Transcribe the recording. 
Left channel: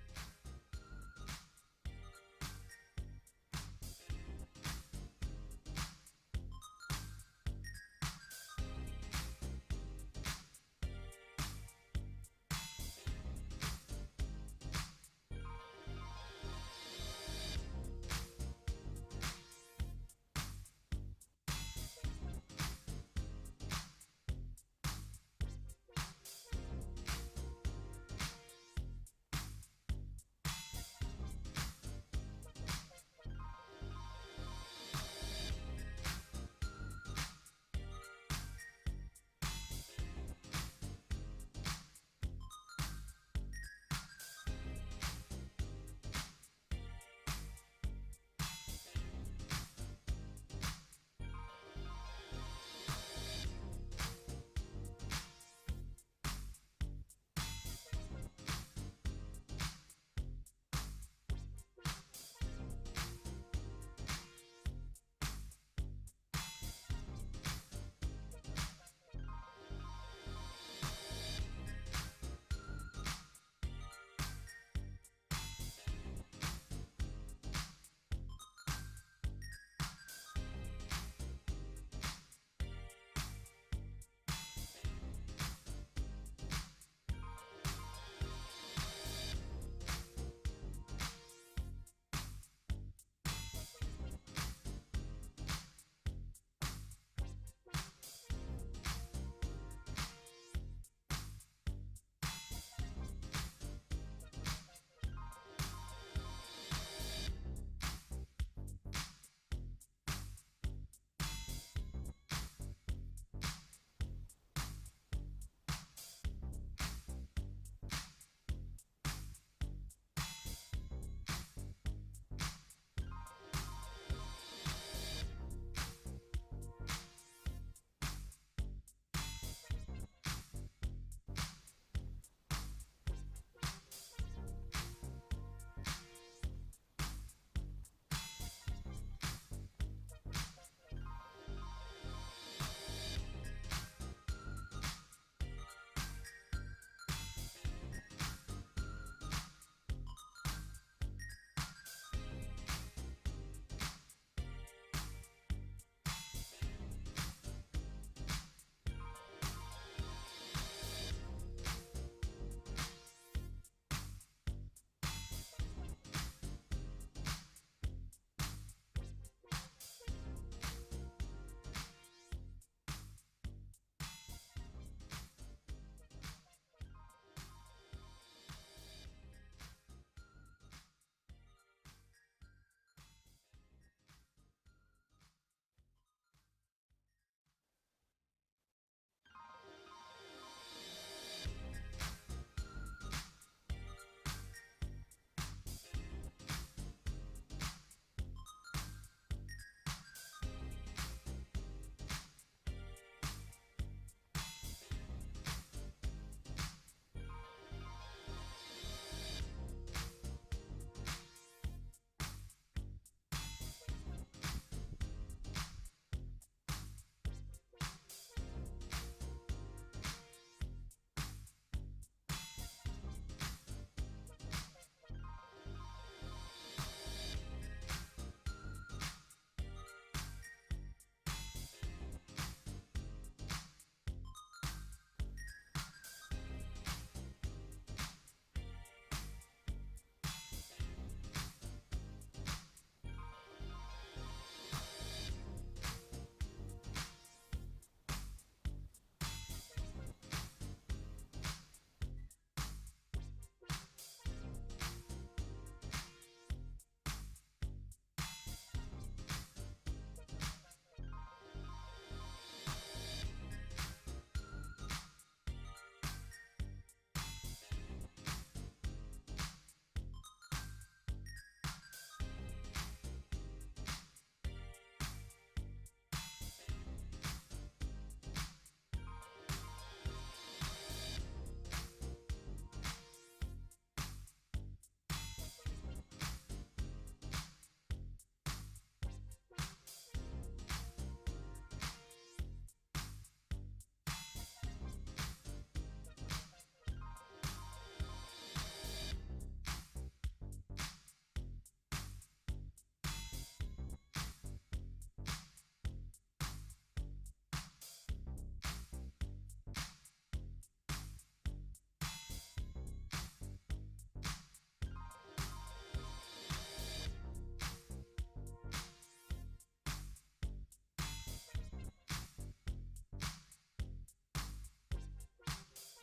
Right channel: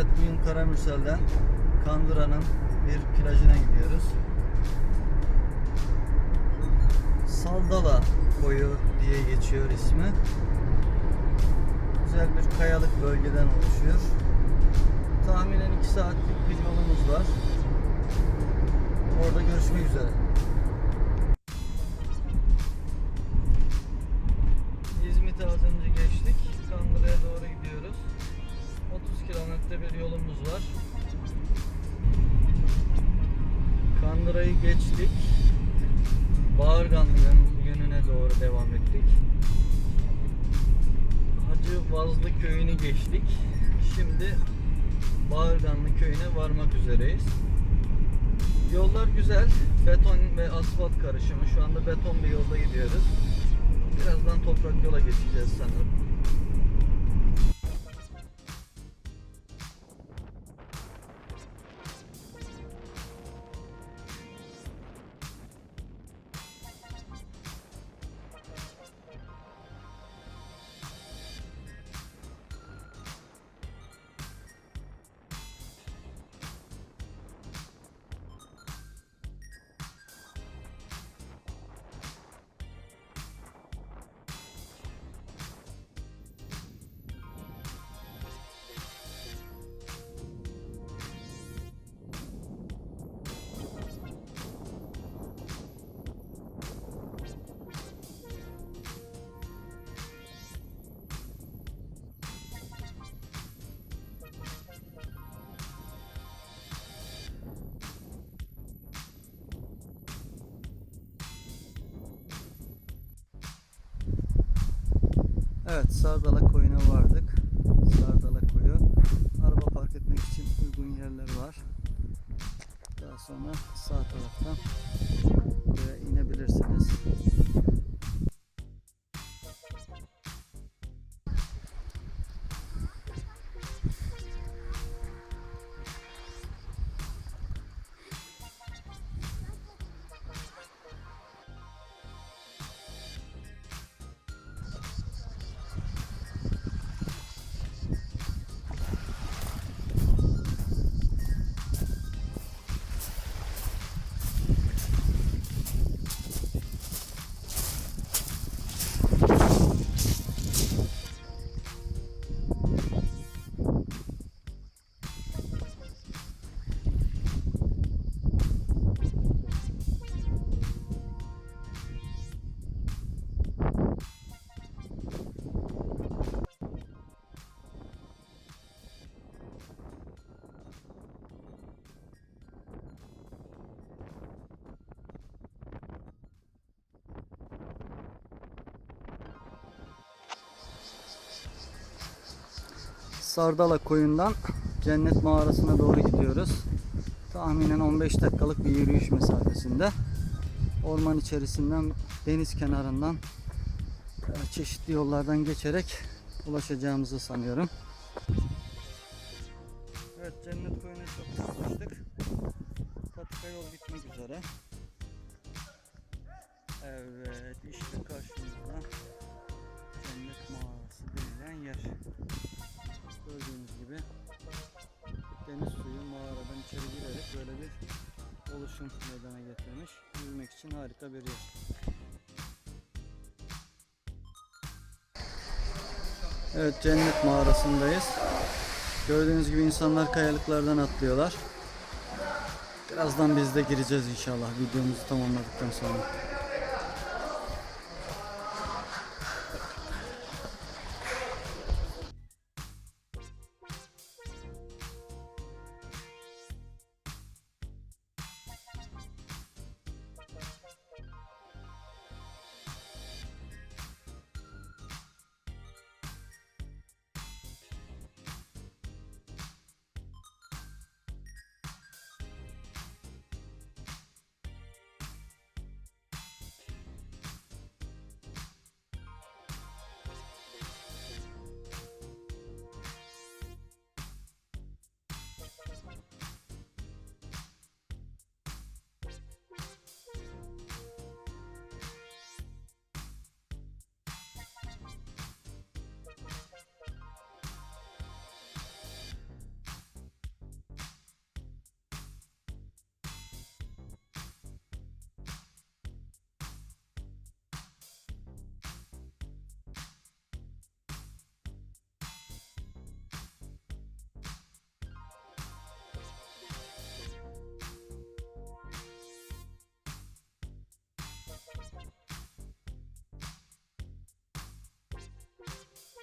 Evet bugün Karamürsel'den Kandıra'nın bir plajına gidiyoruz. Saldala koyu diye geçiyor ismi. Güzel bir kayalık bölgeden oluşuyor. Tahminen 2 saatlik bir yolumuz var. Orada görüşmek üzere. Kandıra'yı geçtik. Bağırganlı'nın yönüne doğru devam ettik. Hacı Vazlı köyünü geçtik. Şimdi Bağırganlı köyüne varmak üzereyiz. Yollar güzel. Beton ve asfalt karışımı. Şu anda beton bir yolda gidiyoruz. Birazdan toprak yola geçeceğiz sanırım. Evet Sardala koyuna vardık. Sardala Sardala koyundan Cennet Mağarası'na doğru gidiyoruz. Tahminen 15 dakikalık bir yürüyüş mesafesinde. Orman içerisinden, deniz kenarından e, çeşitli yollardan geçerek ulaşacağımızı sanıyorum. Evet cennet mağarasındayız. Gördüğünüz gibi insanlar kayalıklardan atlıyorlar. Birazdan biz de gireceğiz inşallah videomuzu tamamladıktan sonra.